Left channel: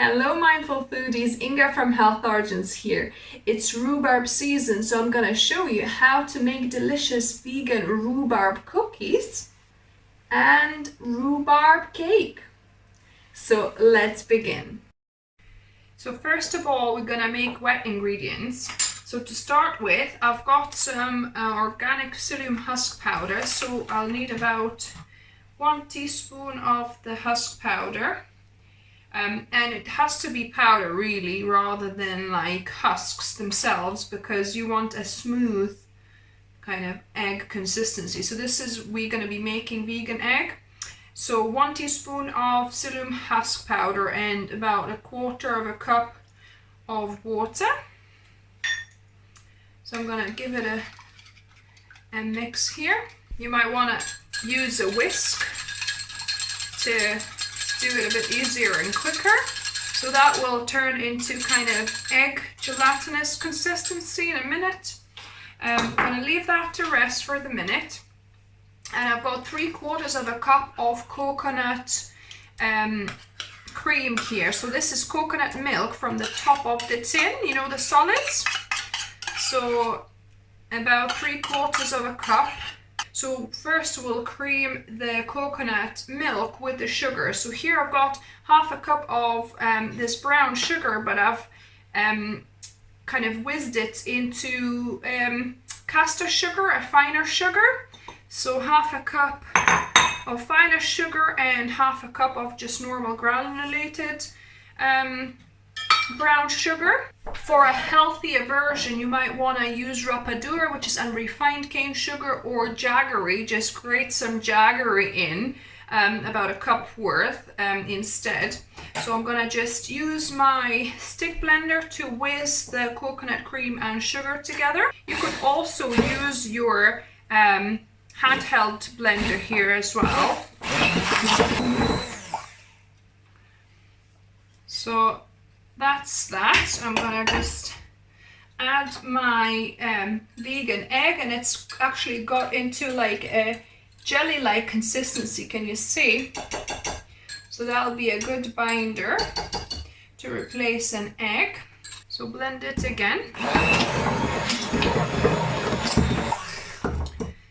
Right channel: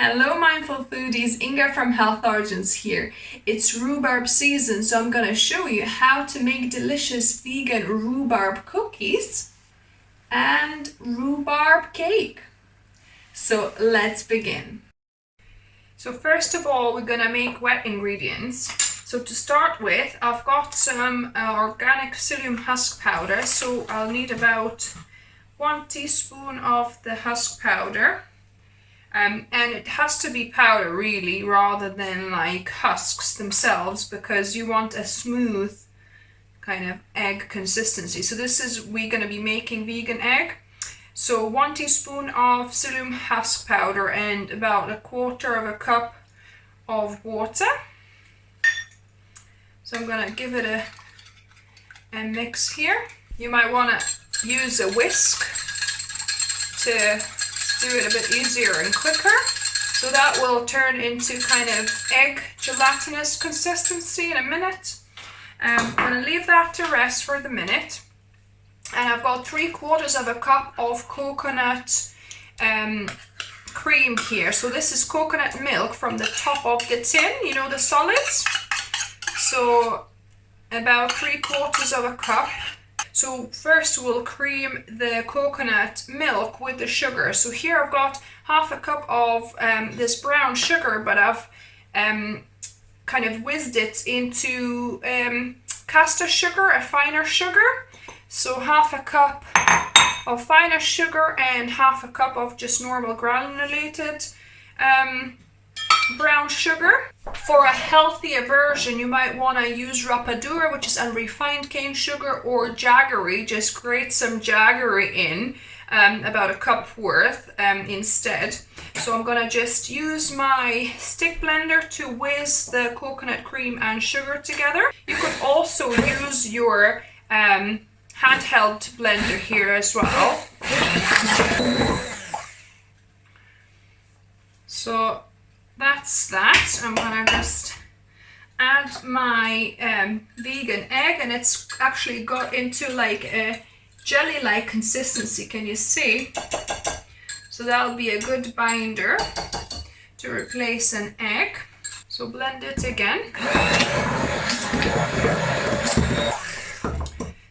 Hello mindful foodies, Inga from Health Origins here. It's rhubarb season, so I'm gonna show you how to make delicious vegan rhubarb cookies and rhubarb cake. So let's begin. So first of all, we're gonna make wet ingredients. So to start with, I've got some organic psylium husk powder. So I'll need about 1 teaspoon of the husk powder. And it has to be powder really, rather than like husks themselves, because you want a smooth kind of egg consistency. So we're going to be making vegan egg. So 1 teaspoon of psyllium husk powder and about 1/4 cup of water. So I'm going to give it a mix here. You might want to use a whisk to do it a bit easier and quicker. So that will turn into kind of egg gelatinous consistency in a minute. I'm going to leave that to rest for the minute. And I've got 3/4 cup of coconut cream here. So this is coconut milk from the top of the tin, you know, the solids. So about 3/4 cup. So first we'll cream the coconut milk with the sugar. So here I've got 1/2 cup of this brown sugar, but I've kind of whizzed it into caster sugar, a finer sugar. So 1/2 cup of finer sugar and 1/2 cup of just normal granulated brown sugar. For a healthier version, you might want to use rapadura, which is unrefined cane sugar, or jaggery. Just grate some jaggery in, about 1 cup worth instead. So I'm gonna just use my stick blender to whiz the coconut cream and sugar together. You could also use your handheld blender here as well. So that's that. I'm gonna just add my vegan egg, and it's actually got into like a jelly-like consistency. Can you see? So that'll be a good binder to replace an egg. So blend it again.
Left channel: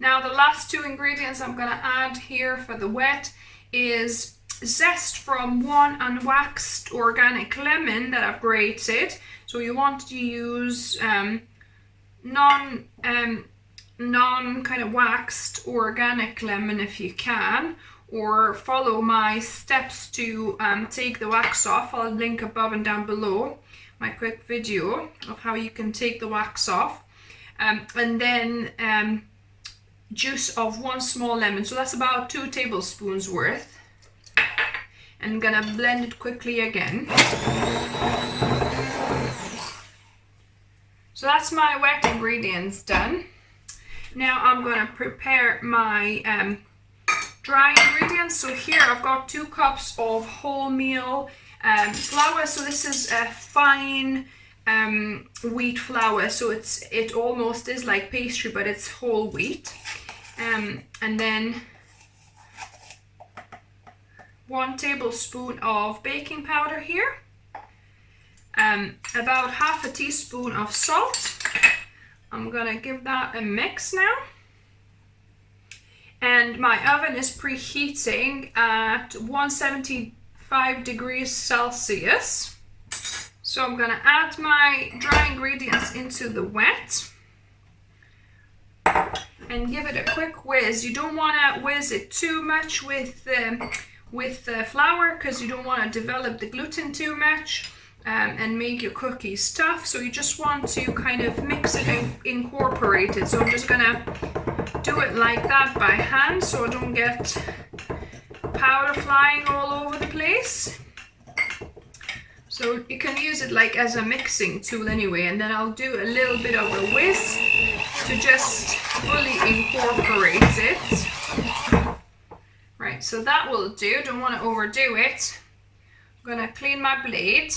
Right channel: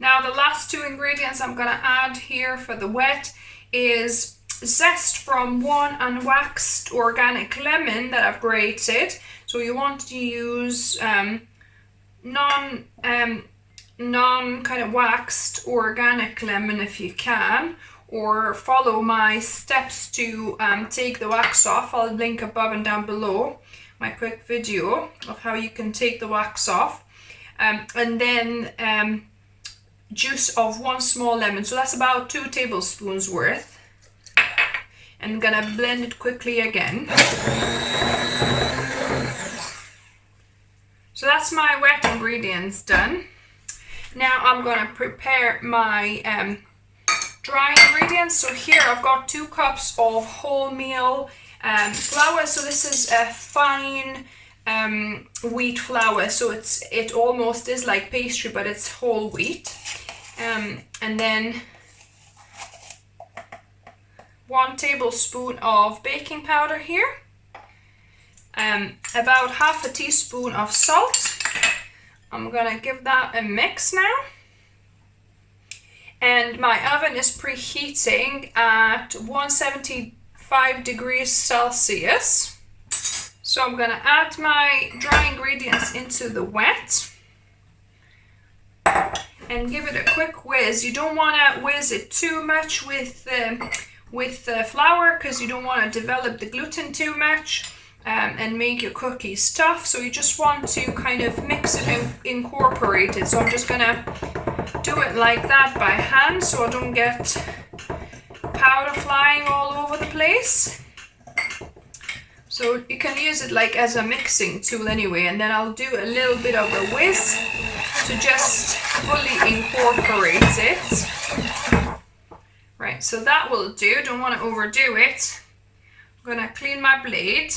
Now the last 2 ingredients I'm gonna add here for the wet is zest from 1 unwaxed organic lemon that I've grated. So you want to use non kind of waxed organic lemon if you can, or follow my steps to take the wax off. I'll link above and down below my quick video of how you can take the wax off. And then juice of 1 small lemon. So that's about 2 tablespoons worth. And I'm gonna blend it quickly again. So that's my wet ingredients done. Now I'm gonna prepare my dry ingredients. So here I've got 2 cups of wholemeal flour. So this is a fine wheat flour. So it almost is like pastry, but it's whole wheat. And then 1 tablespoon of baking powder here, about 1/2 teaspoon of salt. I'm gonna give that a mix now. And my oven is preheating at 175 degrees Celsius. So I'm gonna add my dry ingredients into the wet and give it a quick whiz. You don't wanna whiz it too much with the flour, because you don't want to develop the gluten too much and make your cookies tough. So you just want to kind of mix it and incorporate it. So I'm just gonna do it like that by hand, so I don't get powder flying all over the place. So you can use it like as a mixing tool anyway, and then I'll do a little bit of a whiz to just fully incorporate it. Right, so that will do. Don't want to overdo it. I'm gonna clean my blade.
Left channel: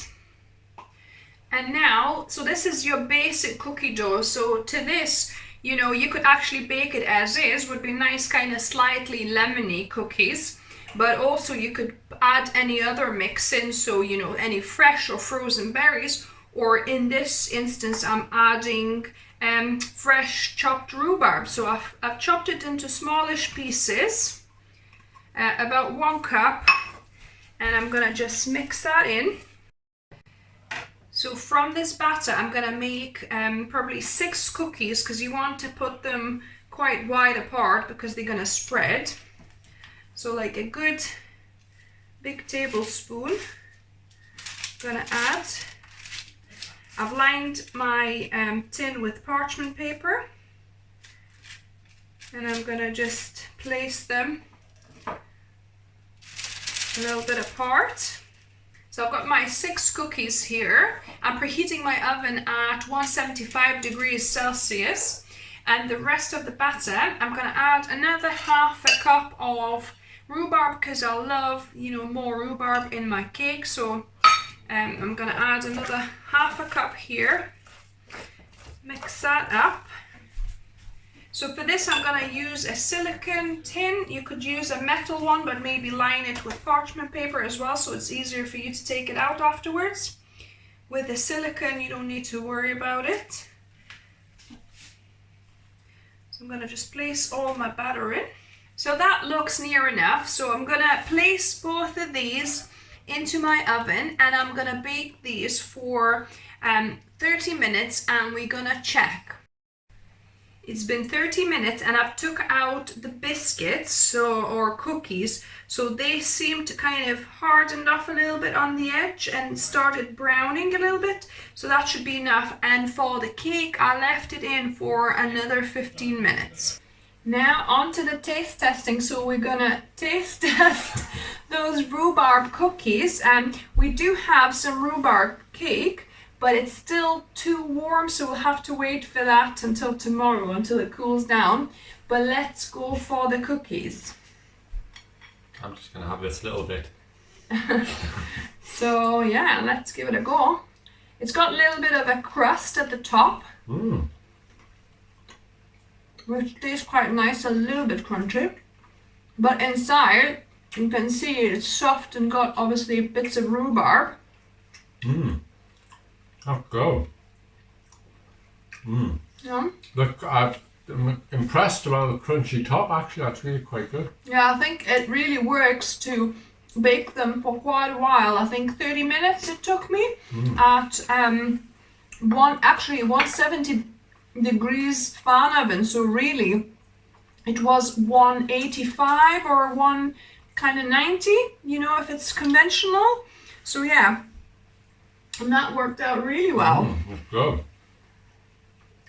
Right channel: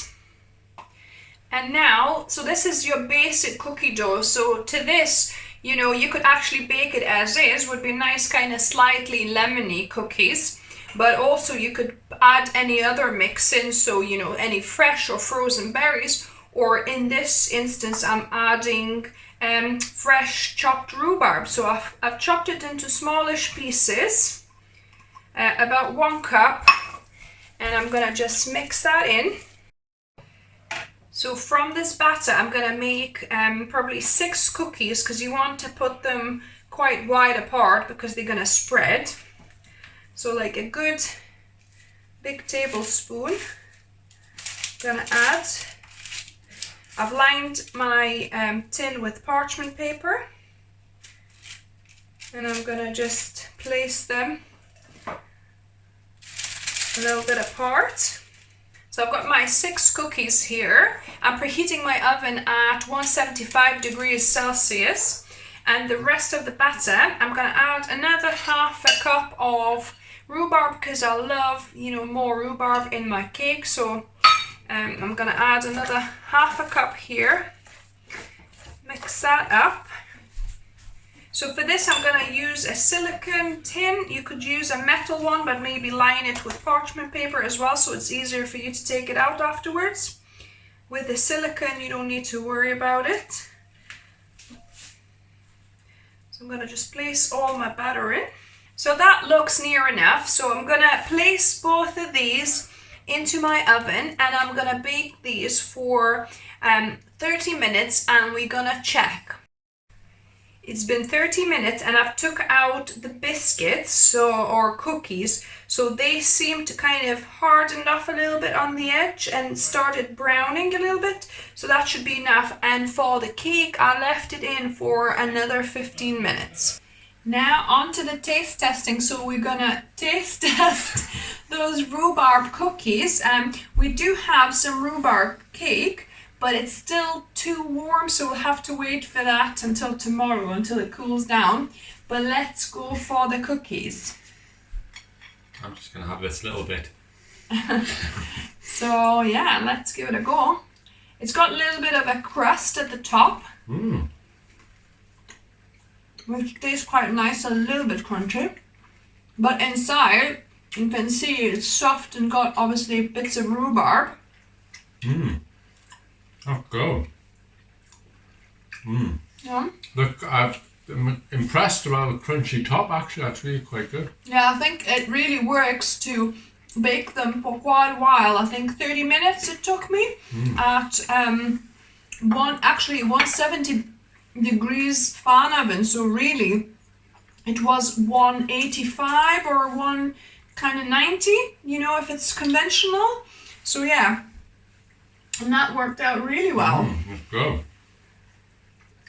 And now, so this is your basic cookie dough. So to this, you know, you could actually bake it as is. Would be nice, kind of slightly lemony cookies. but also you could add any other mix in, so you know, any fresh or frozen berries, or in this instance I'm adding fresh chopped rhubarb. So I've chopped it into smallish pieces, about 1 cup, and I'm gonna just mix that in. So from this batter I'm gonna make probably 6 cookies, because you want to put them quite wide apart because they're gonna spread. So like a good big tablespoon gonna add. I've lined my tin with parchment paper, and I'm gonna just place them a little bit apart. So I've got my 6 cookies here. I'm preheating my oven at 175 degrees Celsius, and the rest of the batter I'm gonna add another half a cup of rhubarb, because I love, you know, more rhubarb in my cake. So I'm gonna add another half a cup here. Mix that up. So for this I'm gonna use a silicone tin. You could use a metal one, but maybe line it with parchment paper as well, so it's easier for you to take it out afterwards. With the silicone you don't need to worry about it. So I'm gonna just place all my batter in. So that looks near enough. So I'm gonna place both of these into my oven, and I'm gonna bake these for 30 minutes, and we're gonna check. It's been 30 minutes and I've took out the biscuits, or cookies, so they seem to kind of hardened off a little bit on the edge and started browning a little bit, so that should be enough. And for the cake I left it in for another 15 minutes. Now on to the taste testing. So we're gonna taste test those rhubarb cookies. We do have some rhubarb cake, but it's still too warm, so we'll have to wait for that until tomorrow, until it cools down. But let's go for the cookies. I'm just gonna have this little bit. So yeah, let's give it a go. It's got a little bit of a crust at the top. Which tastes quite nice, a little bit crunchy. But inside, you can see it's soft and got obviously bits of rhubarb. That's good. Yeah. Look, I'm impressed about the crunchy top, actually. That's really quite good. Yeah, I think it really works to bake them for quite a while. I think 30 minutes it took me at 170 degrees fan oven. So really it was 185 or 190, you know, if it's conventional. So yeah, and that worked out really well. That's good.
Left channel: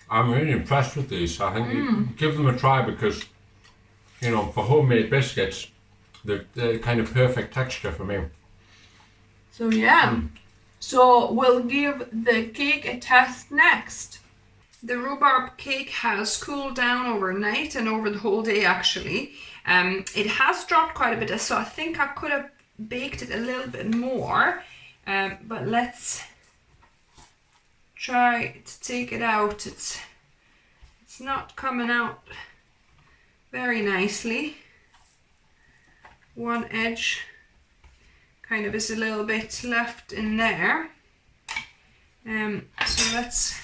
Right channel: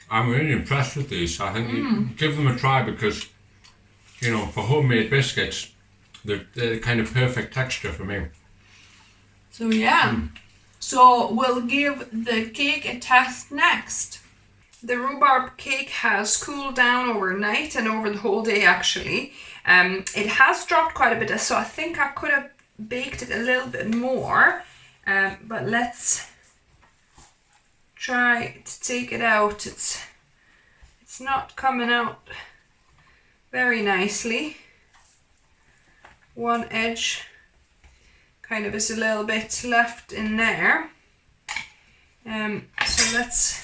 I'm really impressed with these. I think you give them a try, because, you know, for homemade biscuits, they're kind of perfect texture for me. So yeah, so we'll give the cake a test next. The rhubarb cake has cooled down overnight and over the whole day actually. It has dropped quite a bit, so I think I could have baked it a little bit more. But let's try to take it out. It's not coming out very nicely. One edge kind of is a little bit left in there. So let's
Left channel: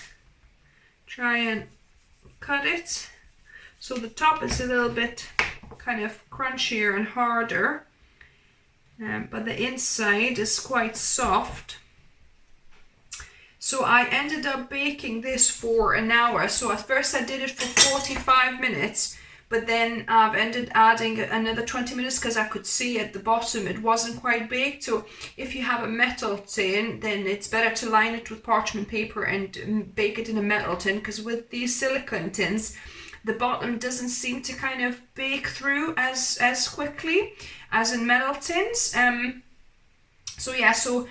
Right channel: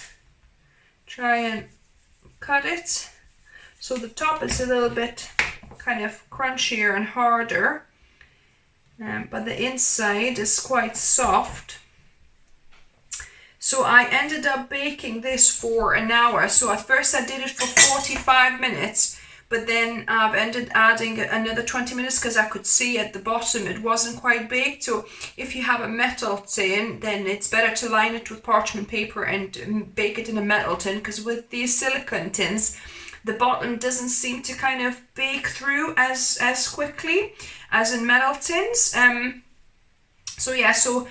try and cut it. So the top is a little bit kind of crunchier and harder, but the inside is quite soft. So I ended up baking this for an hour. So at first I did it for 45 minutes, but then I've ended adding another 20 minutes because I could see at the bottom it wasn't quite baked. So if you have a metal tin, then it's better to line it with parchment paper and bake it in a metal tin, because with these silicone tins, the bottom doesn't seem to kind of bake through as quickly as in metal tins. So yeah, so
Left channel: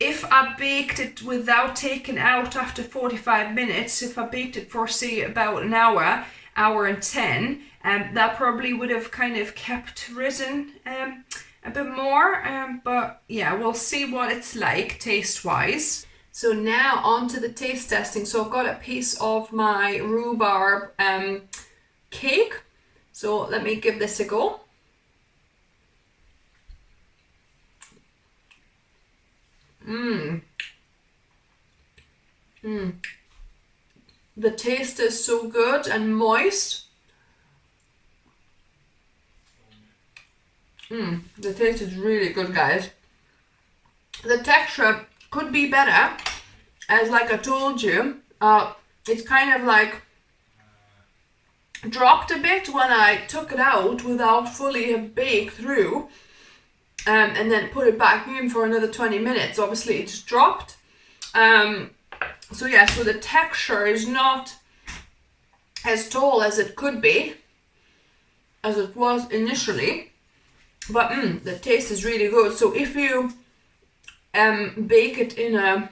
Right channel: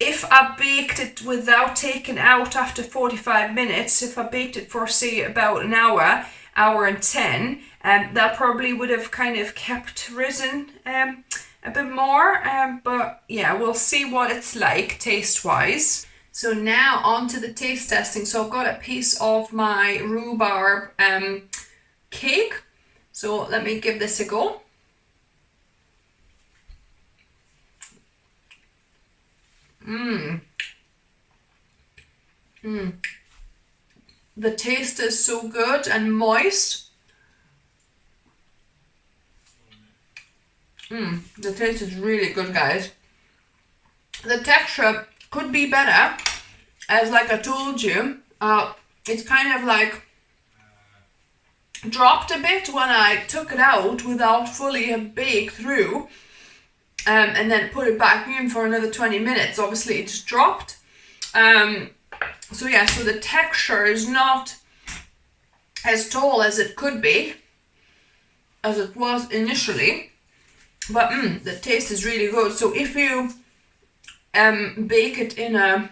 if I baked it without taking out after 45 minutes, if I baked it for say about an hour and 10, that probably would have kind of kept risen a bit more, but yeah, we'll see what it's like taste wise. So now on to the taste testing. So I've got a piece of my rhubarb cake, so let me give this a go. The taste is so good and moist. The taste is really good, guys. The texture could be better, as like I told you. It's kind of like dropped a bit when I took it out without fully have baked through, and then put it back in for another 20 minutes. Obviously it's dropped. So yeah, so the texture is not as tall as it could be, as it was initially, but the taste is really good. So if you bake it in a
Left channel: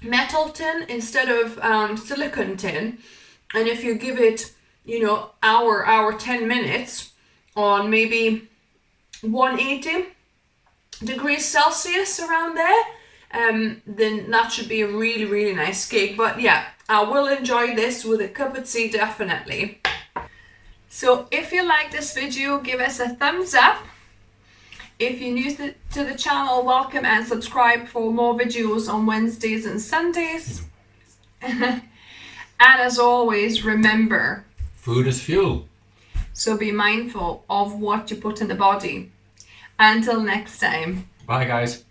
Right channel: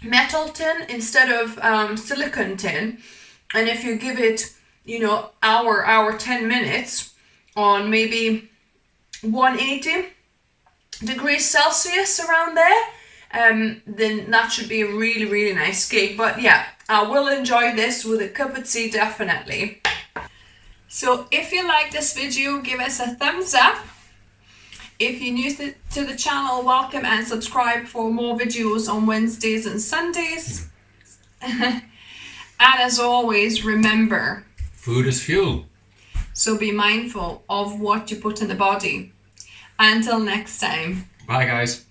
metal tin instead of silicone tin, and if you give it, you know, hour 10 minutes on maybe 180 degrees Celsius around there, then that should be a really, really nice cake. But yeah, I will enjoy this with a cup of tea, definitely. So if you like this video, give us a thumbs up. If you're new to the channel, welcome and subscribe for more videos on Wednesdays and Sundays. And as always, remember, food is fuel. So be mindful of what you put in the body. Until next time. Bye, guys.